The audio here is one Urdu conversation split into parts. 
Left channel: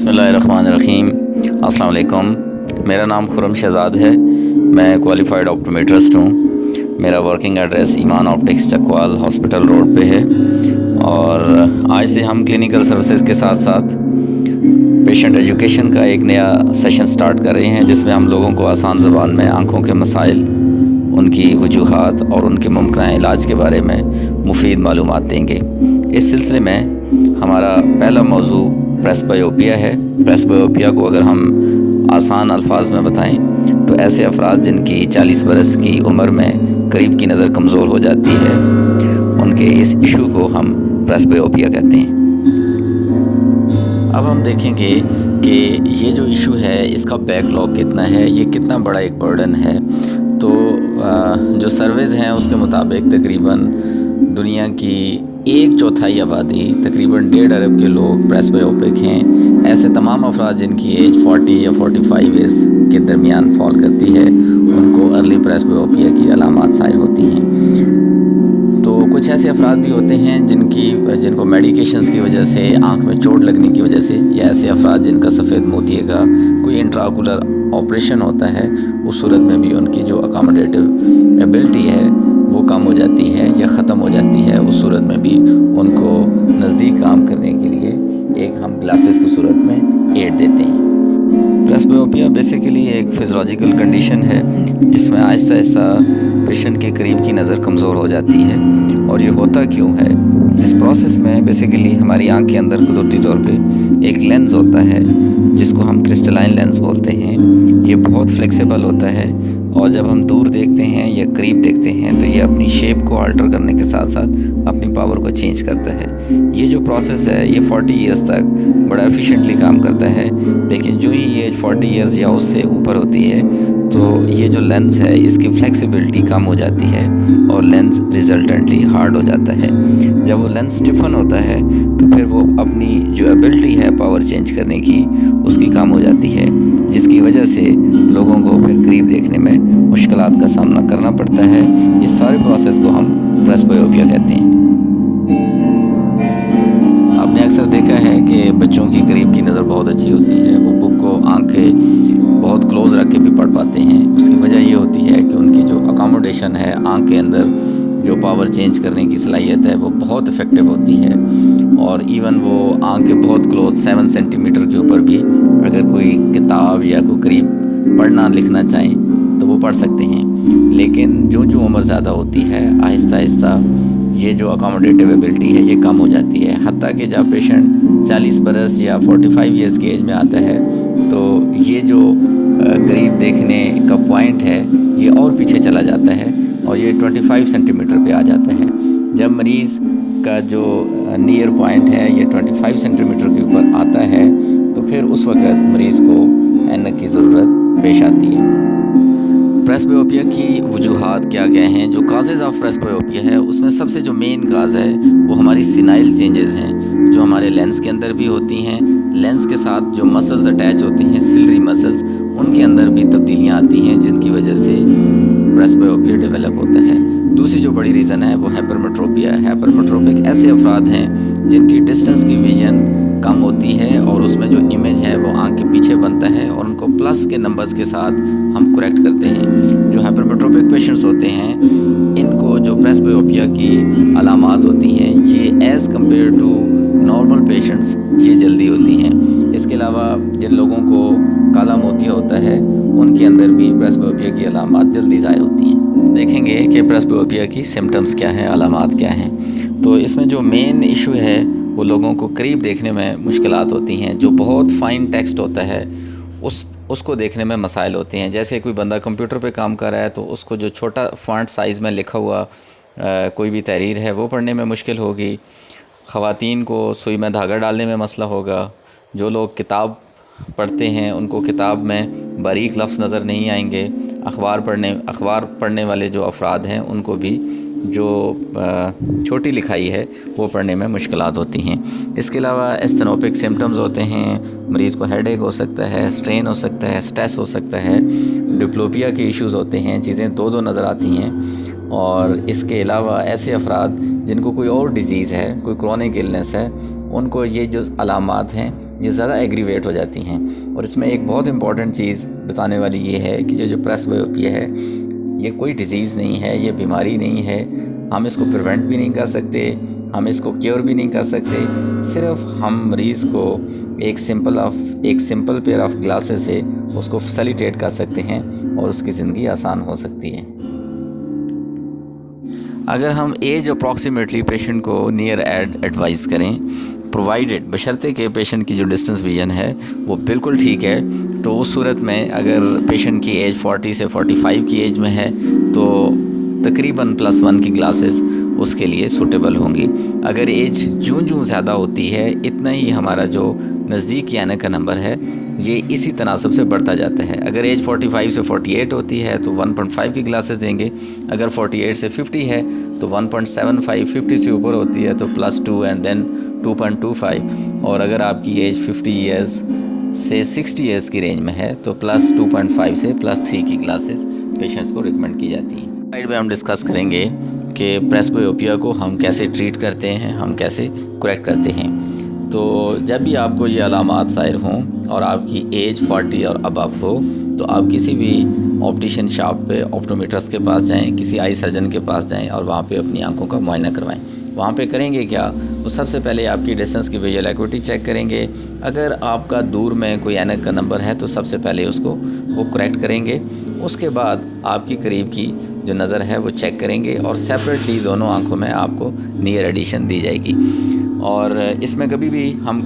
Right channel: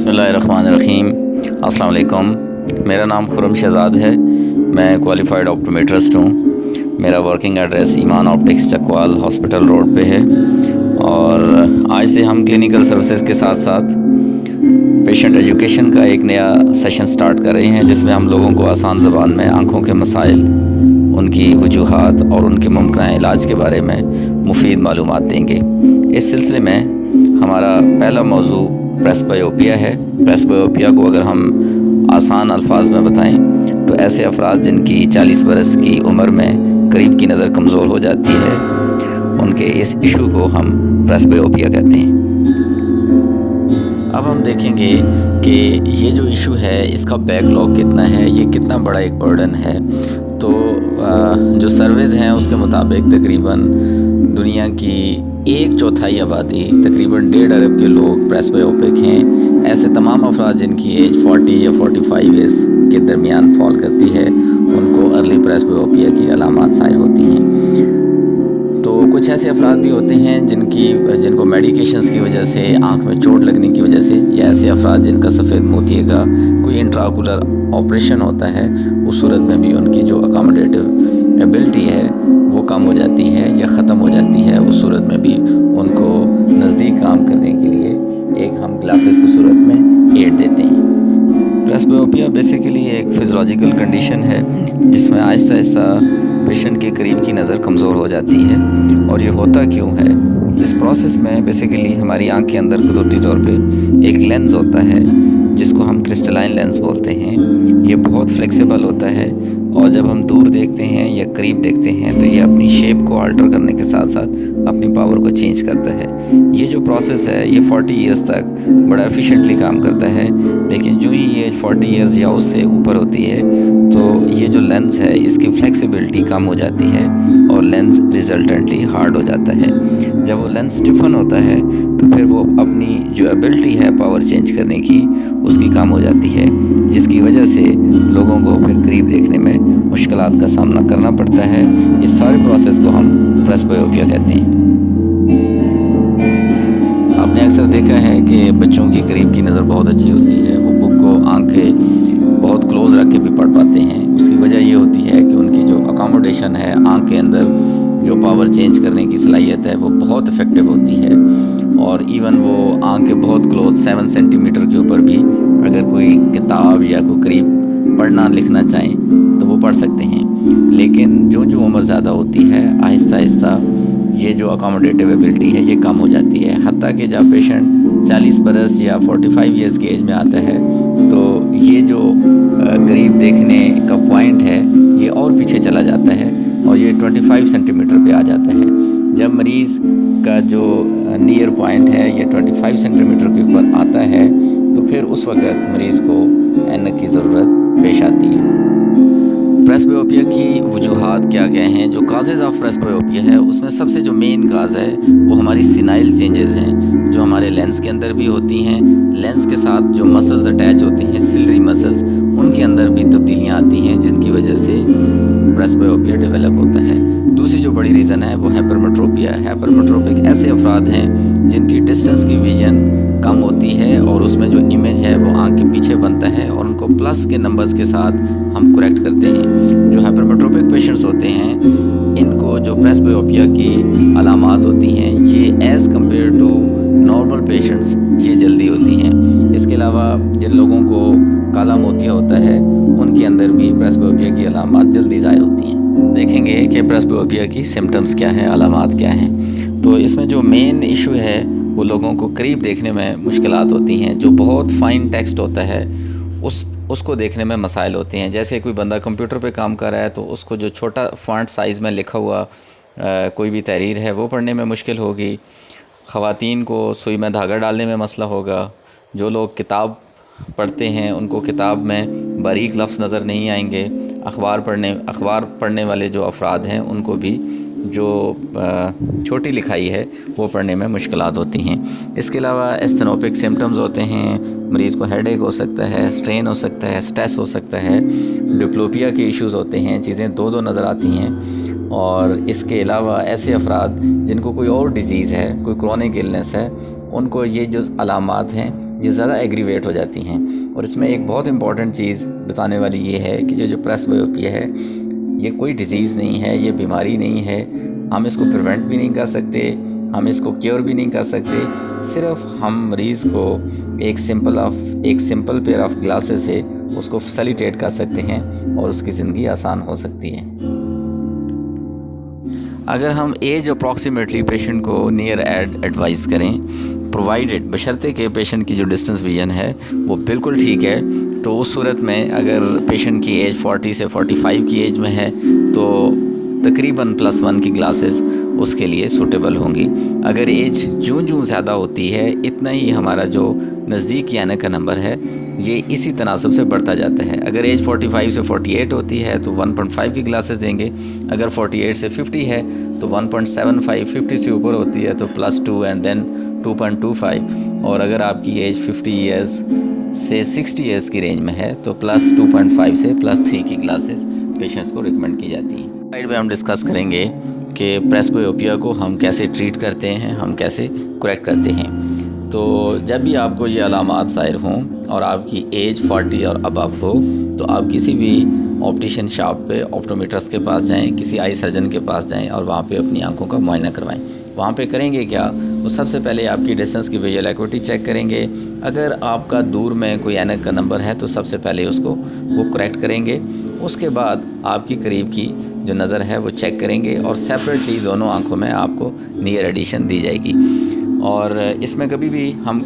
بسم اللہ الرحمن الرحیم۔ السلام علیکم۔ میرا نام خرم شہزاد ہے، میں کوالیفائڈ آپٹومیٹرسٹ ہوں۔ میرا ورکنگ ایڈریس ایمان آپٹکس چکوال ہاسپٹل روڈ پہ ہے، اور آج سے ہم کلینکل سروسز کے ساتھ ساتھ پیشنٹ ایجوکیشن کا ایک نیا سیشن سٹارٹ کر رہے ہیں، جس میں ہم لوگوں کو آسان زبان میں آنکھوں کے مسائل، ان کی وجوہات اور ان کے ممکنہ علاج کے بارے میں مفید معلومات دیں گے۔ اس سلسلے میں ہمارا پہلا موضوع پریسبائیوپیا ہے۔ پریسبائیوپیا کو اگر ہم آسان الفاظ میں بتائیں تو ایسے افراد جن کی 40 برس کی عمر میں قریب کی نظر کمزور ہو جاتی ہے، ان کے اس ایشو کو ہم پریسبائیوپیا کہتے ہیں۔ اب ہم دیکھیں گے کہ یہ جو ایشو ہے اس کا بیک لاگ کتنا ہے، یہ کتنا بڑا ایک برڈن ہے۔ تو جو سرویز ہیں اس کے مطابق تقریباً دنیا کی 1/4 آبادی، تقریباً 1.5 ارب کے لوگ پریسبائیوپک ہیں۔ ایسے تمام افراد جن کی ایج 40 یا 45 ایئرس کے درمیان فال کرتی ہے، ان کو ارلی پریسبائیوپیا کی علامات ظاہر ہوتی ہیں۔ تو کچھ ایسے افراد بھی ہوتے ہیں جن کو میڈیکیشنز کی وجہ سے، آنکھ میں چوٹ لگنے کی وجہ سے، یا ایسے افراد جن کا سفید موتیے کا کوئی انٹراکولر آپریشن ہوتا ہے، اس صورت میں بھی ان کی جو اکاموڈیٹیو ایبلٹی ہے وہ کم ہو جاتی ہے یا ختم ہو جاتی ہے۔ اس صورت میں بھی ان کو نزدیک کام کرنے کے لیے ایک ہم گلاسز کی صورت میں ایڈ دیتے ہیں۔ پریسبائیوپیا بیسیکلی ایک فزیولوجیکل کنڈیشن ہے جس میں آہستہ آہستہ پیشنٹ کے قریب کی نظر کمزور ہو جاتی ہے۔ اور یہ ہوتا کیوں ہے؟ اس پروسیس میں بیسیکلی ہماری آنکھ کے اندر قدرتی طور پہ ایک لینز ہوتا ہے جس کو ہم کرسٹلائن لینز بولتے ہیں۔ یہ بہت فلیکسیبل ہوتا ہے، اور جب ہم دور دیکھتے ہیں یا قریب دیکھتے ہیں تو یہ اپنی شیپ کو آلٹر کرنے کے ساتھ ساتھ اپنی پاور کو چینج کرتا ہے۔ یہ جو پروسیس ہے یہ 40 ایئرس تک بڑا ایفیشینٹلی کام کرتا ہے، لیکن جو ہی یہ 40 ایئرس یا اس سے اوپر ہوتی ہے تو یہ جو لینز ہے اس کی فلیکسیبلٹی کم ہو جاتی ہے اور لینز ریزلٹنٹلی ہارڈ ہو جاتا ہے۔ جب وہ لینز سٹیفن ہوتا ہے تو پھر وہ اپنی جو ایبلٹی ہے پاور چینج کرنے کی، اس کی کم ہو جاتی ہے، جس کی وجہ سے لوگوں کو پھر قریب دیکھنے میں مشکلات کا سامنا کرنا پڑتا ہے۔ اس سارے پروسیس کو ہم پریسبائیوپیا کہتے ہیں۔ آپ نے اکثر دیکھا ہے کہ بچوں کی قریب کی نظر بہت اچھی ہوتی ہے، وہ بک کو آنکھیں بہت کلوز رکھ کے بھی پڑھ پاتے ہیں۔ اس کی وجہ یہ ہوتی ہے کہ ان کی جو اکاموڈیشن ہے، آنکھ کے اندر جو پاور چینج کرنے کی صلاحیت ہے وہ بہت افیکٹو ہوتی ہے، اور ایون وہ آنکھ کے بہت کلوز 7 سینٹی میٹر کے اوپر بھی اگر کوئی کتاب یا کوئی قریب پڑھنا لکھنا چاہیں تو وہ پڑھ سکتے ہیں۔ لیکن جو عمر زیادہ ہوتی ہے، آہستہ آہستہ یہ جو اکاموڈیٹیو ایبلٹی ہے یہ کم ہو جاتی ہے، حتیٰ کہ جب پیشنٹ 40 برس یا 45 ایئرس کی ایج میں آتا ہے تو یہ جو قریب دیکھنے کا پوائنٹ ہے یہ اور پیچھے چلا جاتا ہے، اور یہ 25 سینٹی میٹر پہ آ جاتا ہے۔ جب مریض کا جو نیئر پوائنٹ ہے یہ 25 سینٹی میٹر کے اوپر آتا ہے تو پھر اس وقت مریض کو اینک کی ضرورت پیش آتی ہے۔ پریسبائیوپیا کی وجوہات کیا ہیں؟ جو کازز آف پریسبائیوپیا ہے اس میں سب سے جو مین کاز ہے وہ ہماری سینائل چینجز ہیں، جو ہمارے لینس کے اندر بھی ہوتی ہیں۔ لینس کے ساتھ جو مسلز اٹیچ ہوتی ہیں، سلری مسلز، ان کے اندر بھی تبدیلیاں آتی ہیں جن کی وجہ سے پریسبائیوپیا ڈیولپ ہوتا ہے۔ دوسری جو بڑی ریزن ہے وہ ہائپرمیٹروپیا ہے۔ ہائپرمیٹروپک ایسے افراد ہیں جن کی ڈسٹنس کی ویژن کم ہوتی ہے، اور اس میں جو امیج ہے وہ آنکھ کے پیچھے بنتا ہے، اور ان کو پلس کے نمبرز کے ساتھ ہم کریکٹ کرتے ہیں۔ جو ہائپرمیٹروپک پیشنٹس ہوتے ہیں ان کو جو پریسبائیوپیا کی علامات ہوتی ہیں یہ as compared to normal patients یہ جلدی ہوتی ہیں۔ اس کے علاوہ جن لوگوں کو کالا موتیا ہوتا ہے ان کے اندر بھی پریسبائیوپیا کی علامات جلدی ظاہر ہوتی ہیں۔ دیکھیں گے کہ پریسبائیوپیا کی سمٹمز کیا ہیں، علامات کیا ہیں۔ تو اس میں جو مین ایشو ہے وہ لوگوں کو قریب دیکھنے میں مشکلات ہوتی ہیں۔ جو بہت فائن ٹیکسٹ ہوتا ہے اس کو دیکھنے میں مسائل ہوتے ہیں۔ جیسے کوئی بندہ کمپیوٹر پہ کام کر رہا ہے تو اس کو جو چھوٹا فونٹ سائز میں لکھا ہوا کوئی بھی تحریر ہے وہ پڑھنے میں مشکل ہوگی۔ خواتین کو سوئی میں دھاگا ڈالنے میں مسئلہ ہوگا۔ جو لوگ کتاب پڑھتے ہیں ان کو کتاب میں باریک لفظ نظر نہیں آئیں گے۔ اخبار پڑھنے والے جو افراد ہیں ان کو بھی جو چھوٹی لکھائی ہے وہ پڑھنے میں مشکلات ہوتی ہیں۔ اس کے علاوہ استنوپک سمٹمز ہوتے ہیں، مریض کو ہیڈ ایک ہو سکتا ہے، اسٹرین ہو سکتا ہے، اسٹریس ہو سکتا ہے، ڈپلوپیا کے ایشوز ہوتے ہیں، چیزیں دو نظر آتی ہیں۔ اور اس کے علاوہ ایسے افراد جن کو کوئی اور ڈیزیز ہے، کوئی کرونک النس ہے، ان کو یہ جو علامات ہیں یہ زیادہ ایگریویٹ ہو جاتی ہیں. اور اس میں ایک بہت امپورٹنٹ چیز بتانے والی یہ ہے کہ جو پریسبیوپیا ہے یہ کوئی ڈیزیز نہیں ہے، یہ بیماری نہیں ہے. ہم اس کو پریونٹ بھی نہیں کر سکتے، ہم اس کو کیور بھی نہیں کر سکتے. صرف ہم مریض کو ایک سمپل پیئر آف گلاسز سے اس کو فیسیلیٹیٹ کر سکتے ہیں اور اس کی زندگی آسان ہو سکتی ہے. اگر ہم ایج اپروکسیمیٹلی پیشنٹ کو نیئر ایڈوائز کریں، پرووائڈڈ بشرطے کہ پیشنٹ کی جو ڈسٹنس ویژن ہے وہ بالکل ٹھیک ہے، تو اس صورت میں اگر پیشنٹ کی ایج 40 سے 45 کی ایج میں ہے تو تقریباً +1 کی گلاسز اس کے لیے سوٹیبل ہوں گی. اگر ایج جوں زیادہ ہوتی ہے اتنا ہی ہمارا جو نزدیک آنے کا نمبر ہے یہ اسی تناسب سے بڑھتا جاتا ہے. اگر ایج 45 سے 48 ہوتی ہے تو 1.5 کی گلاسز دیں گے. اگر 48 سے 50 ہے تو 1.75. 50 سے اوپر ہوتی ہے تو +2 اینڈ دین 2.25. اور اگر آپ کی ایج 50 ایئرز سے 60 ایئرز کی رینج میں ہے تو +2.5 سے +3 کی گلاسز پیشنٹس کو ریکمنڈ کی جاتی ہیں. سلائڈ میں ہم ڈسکس کریں گے کہ پریسبیوپیا کو ہم کیسے ٹریٹ کرتے ہیں، ہم کیسے کریکٹ کرتے ہیں. تو جب بھی آپ کو یہ علامات ظاہر ہوں اور آپ کی ایج 40 اور ابو ہو تو آپ کسی بھی آپٹیشین شاپ پہ آپٹومیٹرس کے پاس جائیں، کسی آئی سرجن کے پاس جائیں اور وہاں پہ اپنی آنکھوں کا معائنہ کروائیں. وہاں پہ کریں گے کیا؟ وہ سب سے پہلے آپ کی ڈسٹنس کی ویژول ایکوٹی چیک کریں گے. اگر آپ کا دور میں کوئی اینک کا نمبر ہے تو سب سے پہلے اس کو وہ کریکٹ کریں گے. اس کے بعد آپ کی قریب کی جو نظر ہے وہ چیک کریں گے اور سیپریٹلی دونوں آنکھوں میں آپ کو نیئر ایڈیشن دی جائے گی. اور اس میں کبھی بھی ہم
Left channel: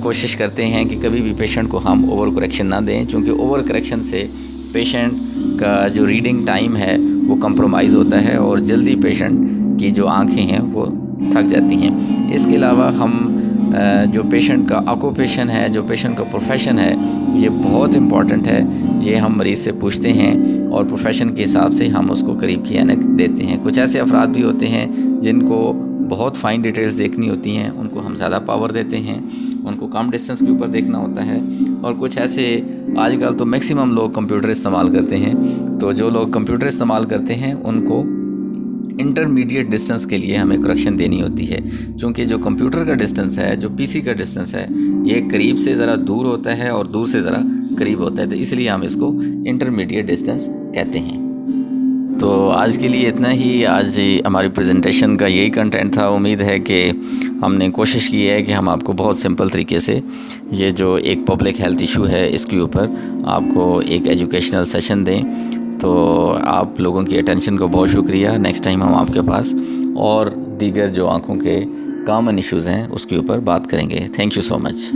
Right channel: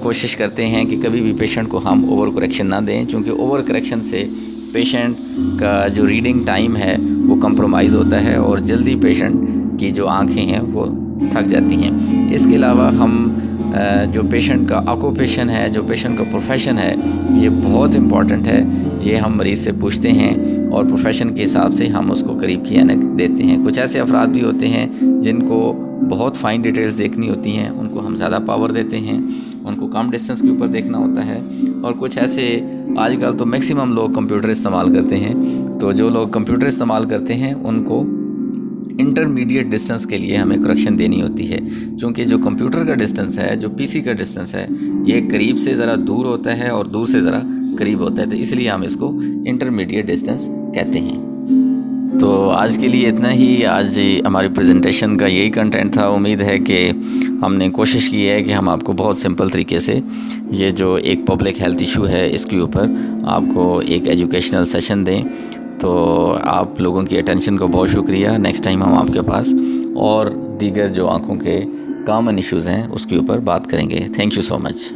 کوشش کرتے ہیں کہ کبھی بھی پیشنٹ کو ہم اوور کریکشن نہ دیں، چونکہ اوور کریکشن سے پیشنٹ کا جو ریڈنگ ٹائم ہے وہ کمپرومائز ہوتا ہے اور جلدی پیشنٹ کی جو آنکھیں ہیں وہ تھک جاتی ہیں. اس کے علاوہ ہم جو پیشنٹ کا آکوپیشن ہے، جو پیشنٹ کا پروفیشن ہے، یہ بہت امپورٹنٹ ہے. یہ ہم مریض سے پوچھتے ہیں اور پروفیشن کے حساب سے ہم اس کو قریب کی اینک دیتے ہیں. کچھ ایسے افراد بھی ہوتے ہیں جن کو بہت فائن ڈیٹیلز دیکھنی ہوتی ہیں، ان کو ہم زیادہ پاور دیتے ہیں، ان کو کم ڈسٹنس کے اوپر دیکھنا ہوتا ہے. اور کچھ ایسے آج کل تو میکسیمم لوگ کمپیوٹر استعمال کرتے ہیں، تو جو لوگ کمپیوٹر استعمال کرتے ہیں ان کو انٹرمیڈیٹ ڈسٹنس کے لیے ہمیں کریکشن دینی ہوتی ہے. چونکہ جو کمپیوٹر کا ڈسٹنس ہے، جو PC کا ڈسٹنس ہے، یہ قریب سے ذرا دور ہوتا ہے اور دور سے ذرا قریب ہوتا ہے، تو اس لیے ہم اس کو انٹرمیڈیٹ ڈسٹنس کہتے ہیں. تو آج کے لیے اتنا ہی. آج ہماری پریزنٹیشن کا یہی کنٹینٹ تھا. امید ہے کہ ہم نے کوشش کی ہے کہ ہم آپ کو بہت سمپل طریقے سے یہ جو ایک پبلک ہیلتھ ایشو ہے اس کے اوپر آپ کو ایک ایجوکیشنل سیشن دیں. تو آپ لوگوں کی اٹینشن کو بہت شکریہ. نیکسٹ ٹائم ہم آپ کے پاس اور دیگر جو آنکھوں کے کامن ایشوز ہیں اس کے اوپر بات کریں گے. Thank you so much.